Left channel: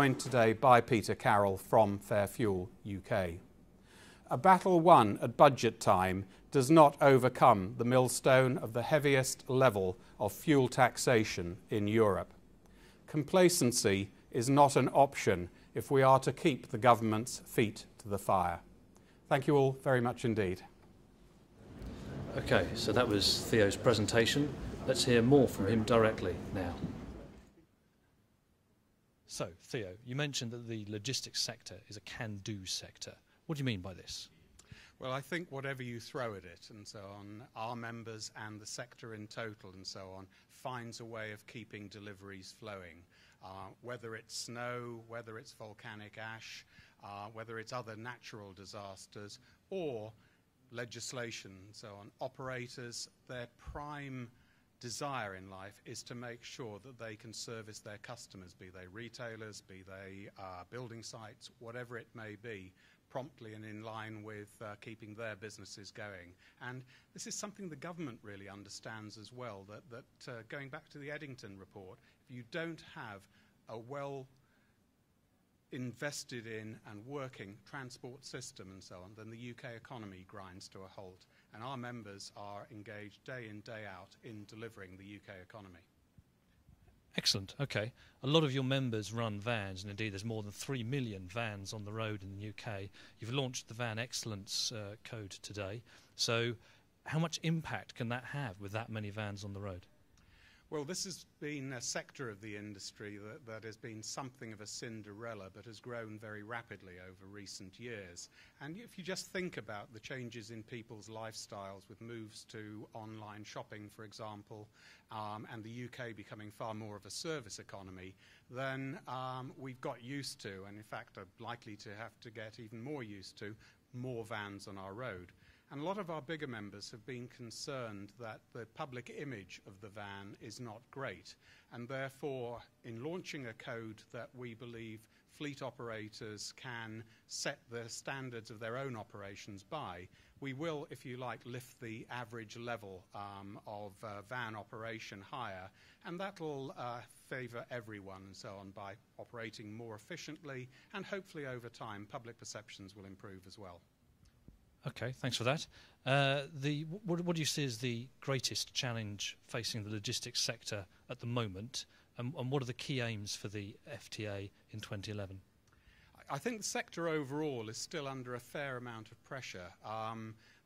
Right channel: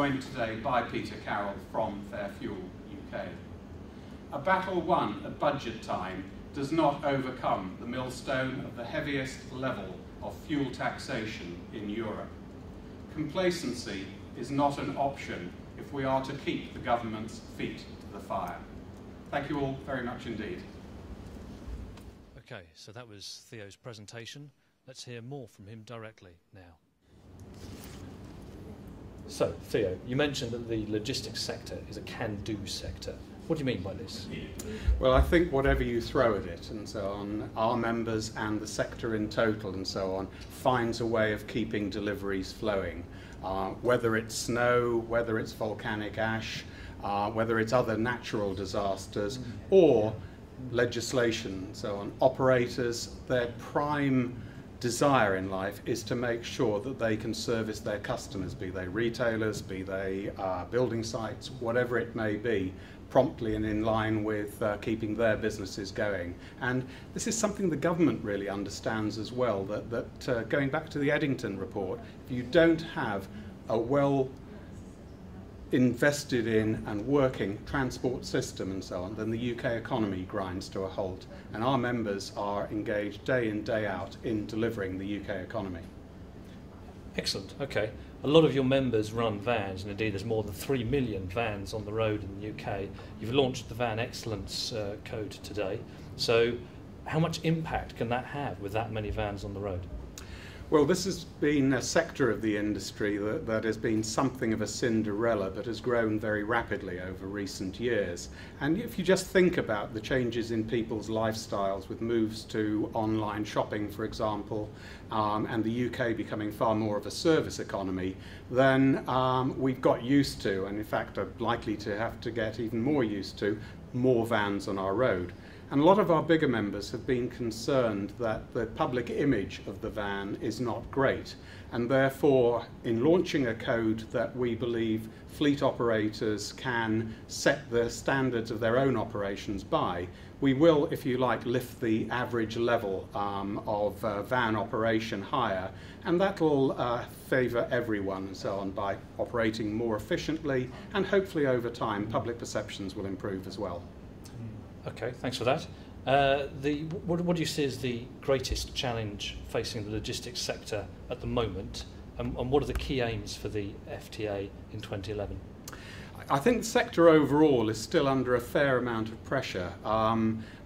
joined today by Peter Carroll from Fair Fuel UK. A battle won at budget time does not overcome the millstone of the heaviest level of fuel taxation in Europe. Complacency is not an option if we are to keep the government's feet to the fire. Thank you all very much indeed. Okay, so that was Theo's presentation. Let's hear more from him directly now. So, Theo, you mentioned that the logistics sector is a can-do sector. What do you mean by this? Well, I think whatever you throw at it and so on, our members and the sector in total and so on finds a way of keeping deliveries flowing. Whether it's snow, whether it's volcanic ash, whether it's other natural disasters or legislation and so on, operators, their prime desire in life is to make sure that they can service their customers, be they retailers, be they building sites, whatever it may be, promptly and in line with keeping their businesses going. And this is something the government really understands as well, that going back to the Eddington report, if you don't have a well invested in and working transport system and so on, then the UK economy grinds to a halt. And our members are engaged day in, day out in delivering the UK economy. Excellent, okay. A lot of your members run vans, and indeed there's more than 3 million vans on the road in the UK. You've launched the Van Excellence Code today. So how much impact can that have with that many vans on the road? Well, this has been a sector of the industry that has been something of a Cinderella, but has grown very rapidly over recent years. And if you just think about the changes in people's lifestyles with moves to online shopping, for example, and the UK becoming far more of a service economy, then we've got used to, and in fact are likely to have to get even more used to, more vans on our road. And a lot of our bigger members have been concerned that the public image of the van is not great. And therefore, in launching a code that we believe fleet operators can set the standards of their own operations by, we will, if you like, lift the average level of van operation higher. And that will favour everyone and so on by operating more efficiently. And hopefully over time, public perceptions will improve as well. Okay, thanks for that. What do you see as the greatest challenge facing the logistics sector at the moment, and what are the key aims for the FTA in 2011? I think the sector overall is still under a fair amount of pressure.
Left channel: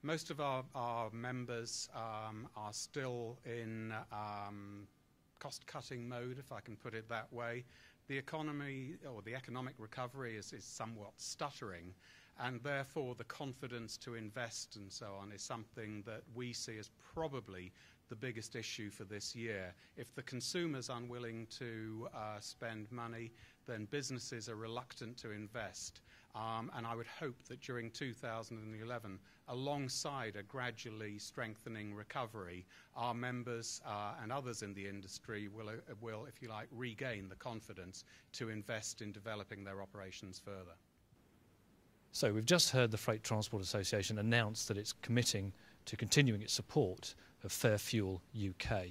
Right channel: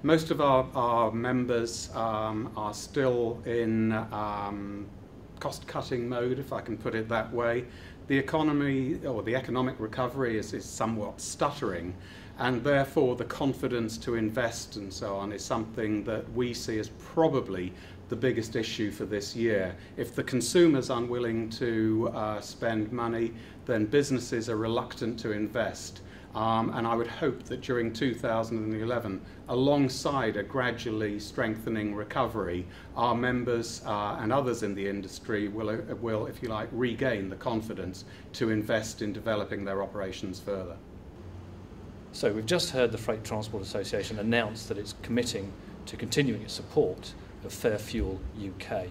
Most of our members are still in cost-cutting mode, if I can put it that way. The economy, or the economic recovery, is somewhat stuttering. And therefore the confidence to invest and so on is something that we see as probably the biggest issue for this year. If the consumer's unwilling to spend money, then businesses are reluctant to invest. And I would hope that during 2011, alongside a gradually strengthening recovery, our members and others in the industry will, if you like, regain the confidence to invest in developing their operations further. So we've just heard the Freight Transport Association announce that it's committing to continuing its support of Fair Fuel UK.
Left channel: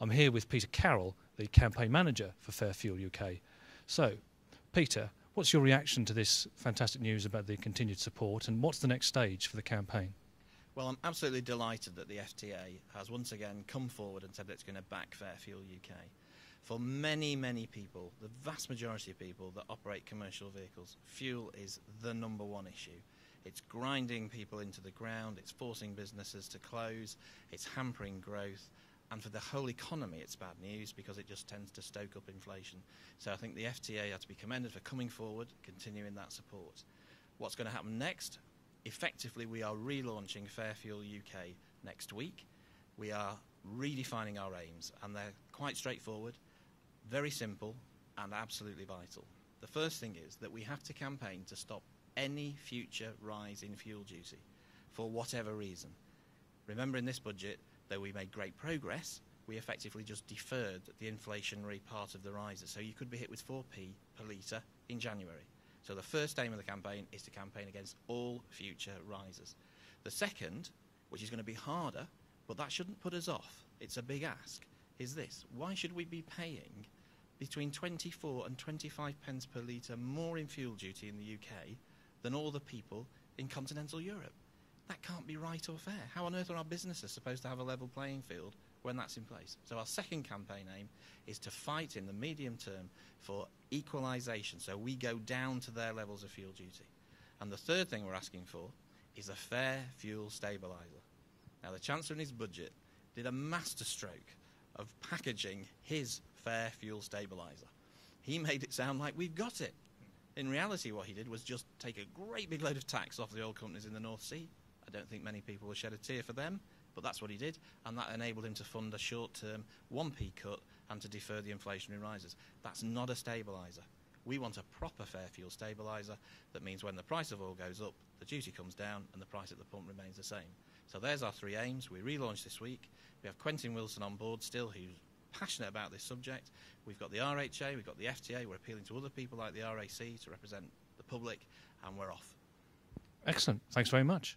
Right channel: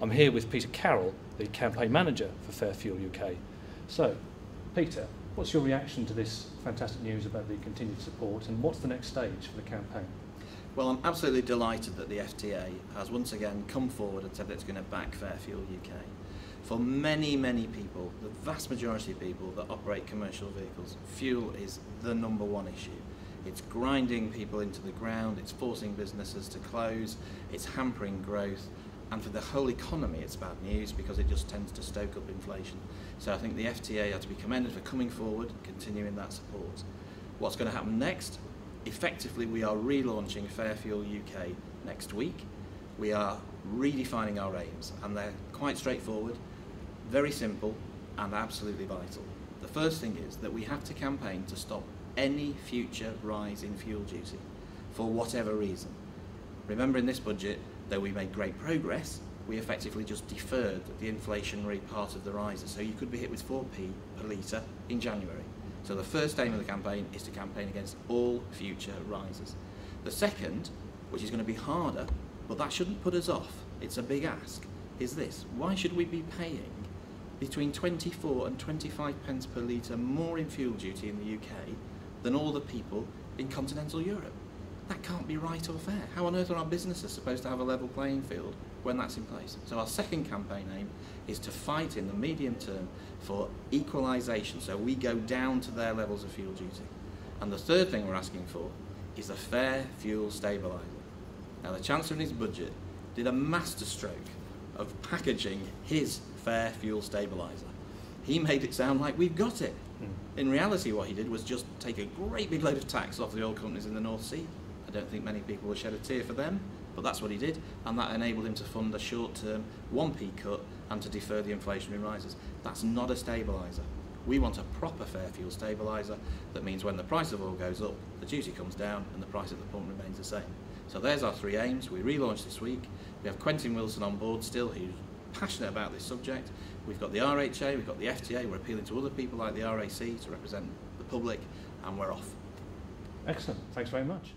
I'm here with Peter Carroll, the campaign manager for Fair Fuel UK. So, Peter, what's your reaction to this fantastic news about the continued support, and what's the next stage for the campaign? Well, I'm absolutely delighted that the FTA has once again come forward and said that it's going to back Fair Fuel UK. For many, many people, the vast majority of people that operate commercial vehicles, fuel is the number one issue. It's grinding people into the ground, it's forcing businesses to close, it's hampering growth, and for the whole economy it's bad news because it just tends to stoke up inflation. So I think the FTA are to be commended for coming forward, continuing that support. What's going to happen next? Effectively, we are relaunching Fair Fuel UK next week. We are redefining our aims, and they're quite straightforward, very simple, and absolutely vital. The first thing is that we have to campaign to stop any future rise in fuel duty for whatever reason. Remember, in this budget, though we made great progress, we effectively just deferred the inflationary part of the rises. So you could be hit with 4p per litre in January. So the first aim of the campaign is to campaign against all future rises. The second, which is going to be harder, but that shouldn't put us off, it's a big ask, is this: why should we be paying between 24 and 25 pence per litre more in fuel duty in the UK than all the people in continental Europe. That can't be right or fair. How on earth are our businesses supposed to have a level playing field when that's in place? So our second campaign aim is to fight in the medium term for equalisation, so we go down to their levels of fuel duty. And the third thing we're asking for is a fair fuel stabiliser. Now the Chancellor in his budget did a masterstroke of packaging his fair fuel stabiliser. He made it sound like we've got it. In reality what he did was just take a great big load of tax off the oil companies in the North Sea. I don't think many people will shed a tear for them, but that's what he did, and that enabled him to fund a short-term 1p cut and to defer the inflationary rises. That's not a stabiliser. We want a proper fair fuel stabiliser that means when the price of oil goes up, the duty comes down and the price at the pump remains the same. So there's our three aims. We relaunched this week. We have Quentin Wilson on board still, who's passionate about this subject. We've got the RHA, we've got the FTA, we're appealing to other people like the RAC to represent the public, and we're off. Excellent. Thanks very much.